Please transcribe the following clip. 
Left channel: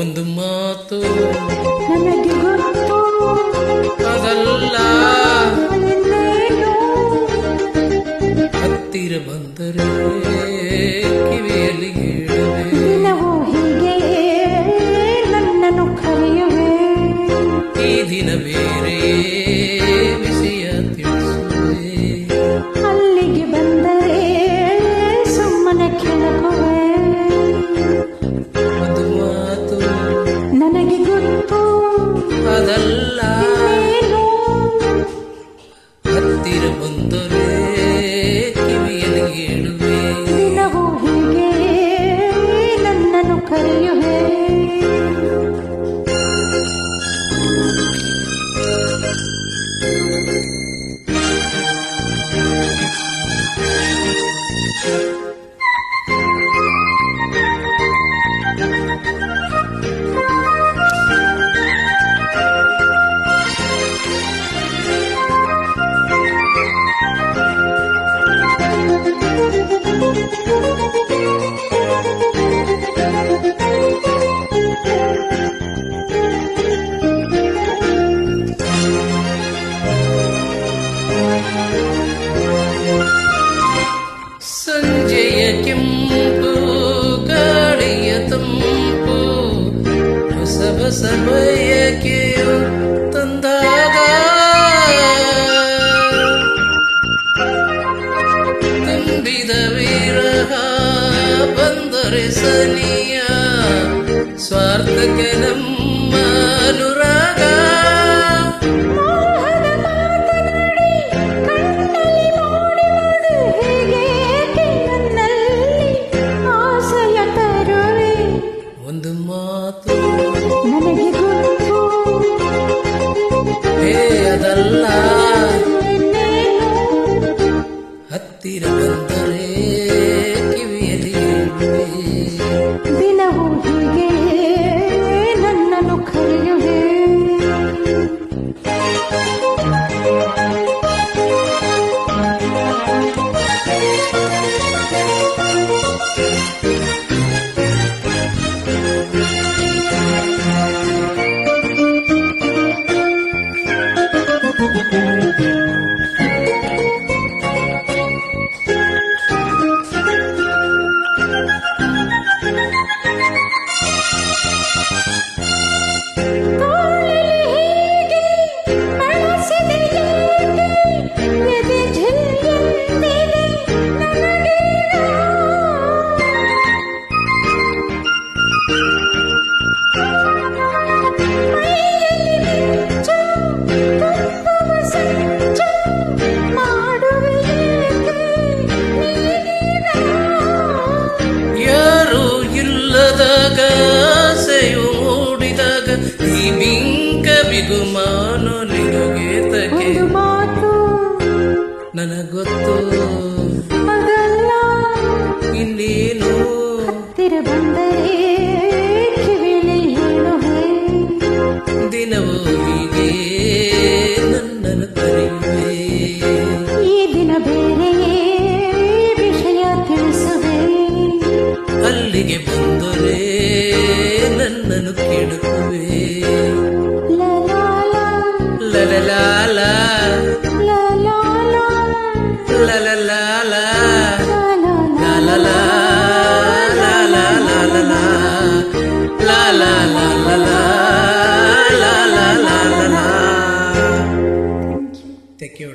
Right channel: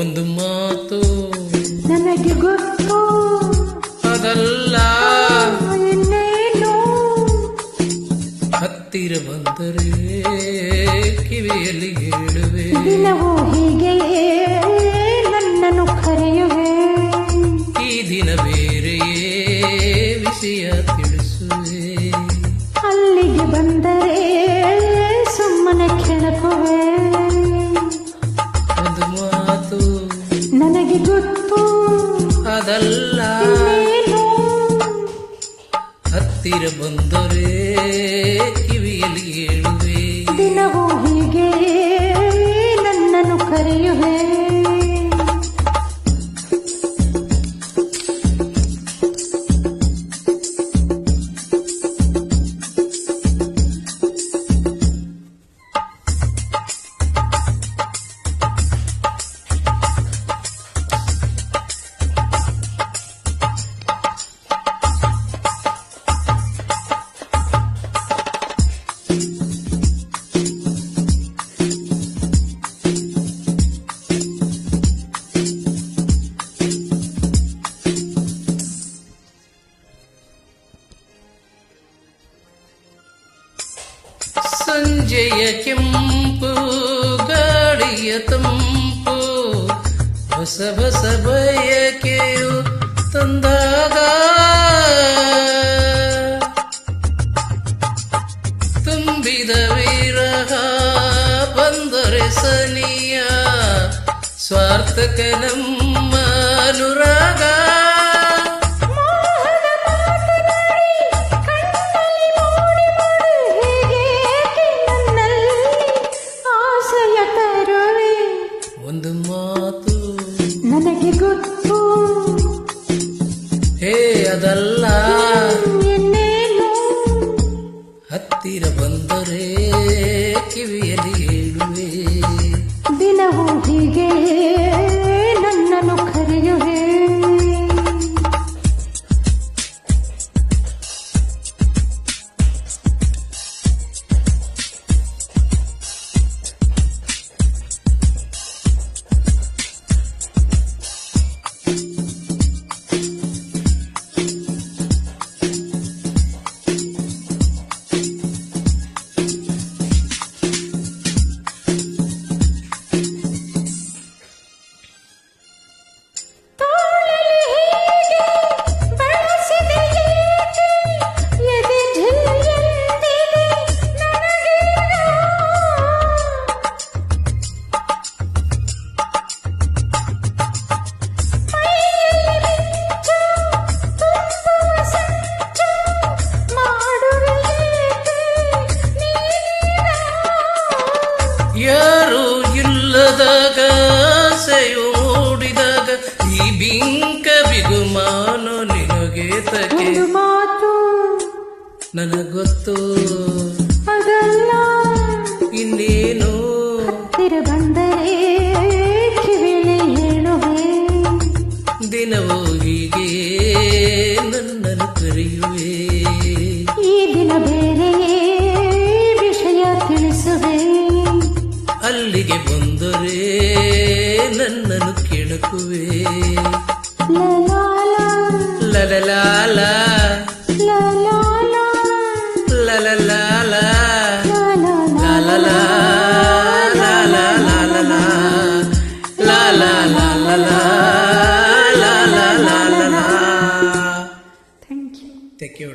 ಒಂದು ಮಾತು ನನಗೆ ಗೊತ್ತು, ಅದಲ್ಲ ಇನ್ನೇನು ಹತ್ತಿರ ಬಂದರೆ ಕಿವಿಯಲ್ಲಿ ಹೇಳುವೆ. ದಿನವೂ ಹೀಗೆಯೇ ನನ್ನನ್ನು ಕರೆಯುವೆ. ಈ ದಿನ ಬೇರೆಯೇ ವಿಷಯ ತಿಳಿಸುವೆ. ಅಲ್ಲಿಗೆ ಬಂದರೆ ಸುಮ್ಮನೆ ಕೆಣಕುವೆ. ಒಂದು ಮಾತು ನನಗೆ ಗೊತ್ತು, ಅದಲ್ಲ ಇನ್ನೇನು ಹತ್ತಿರ ಬಂದರೆ ಕಿವಿಯಲ್ಲಿ ಹೇಳುವೆ. ದಿನವೂ ಹೀಗೆಯೇ ನನ್ನನ್ನು ಕರೆಯುವೆ. ಸಂಜೆಯ ಕೆಂಪು ಗಾಳಿಯ ತಂಪು ಹೊಸ ಹೊಸ ಬಯಕೆಯು ತಂದಾಗ ತುಂಬಿದ ವಿರಹ ಬಂದರೆ ಸನಿಯ ಸ್ವಾರ್ಥಕ ನಮ್ಮ ಅನುರಾಗ. ಒಂದು ಮಾತು ನನಗೆ ಗೊತ್ತು, ಹೇ ಅದಲ್ಲ ಇನ್ನೇನು ಹತ್ತಿರ ಬಂದರೆ ಕಿವಿಯಲ್ಲಿ ಹೇಳುವೆ. ದಿನವೂ ಹೀಗೆ ನನ್ನನ್ನು ಕರೆಯುವೆ. ಯಾರು ಇಲ್ಲದಾಗ ಆಸೆಯು ಮೂಡಿದಾಗ ಈ ಬಿಂಕ ಬಿಗುಮಾನ ನಿನಗೆ ತಗೆ. ಒಂದು ಮಾತು ನನಗೊತ್ತು, ಅದಲ್ಲ ಇನ್ನೇನು ಹತ್ತಿರ ಬಂದರೆ ಕಿವಿಲಿ ಹೇಳುವೆ. ದಿನವೂ ಹೀಗೆ ನನ್ನನ್ನು ಕರೆಯುವೆ. ಈ ದಿನ ಬೇರೆಯೇ ವಿಷಯ ತಿಳಿಸುವೆ. ಅಲ್ಲಿಗೆ ಬಂದರೆ ನನ್ನನ್ನು ಕೆಣಕುವೆ. ಲಲಾಲ ಲಲಲಾಲ ಲಲಾಲ ಲಲಲಾಲ ಲಲಾಲ Thank you.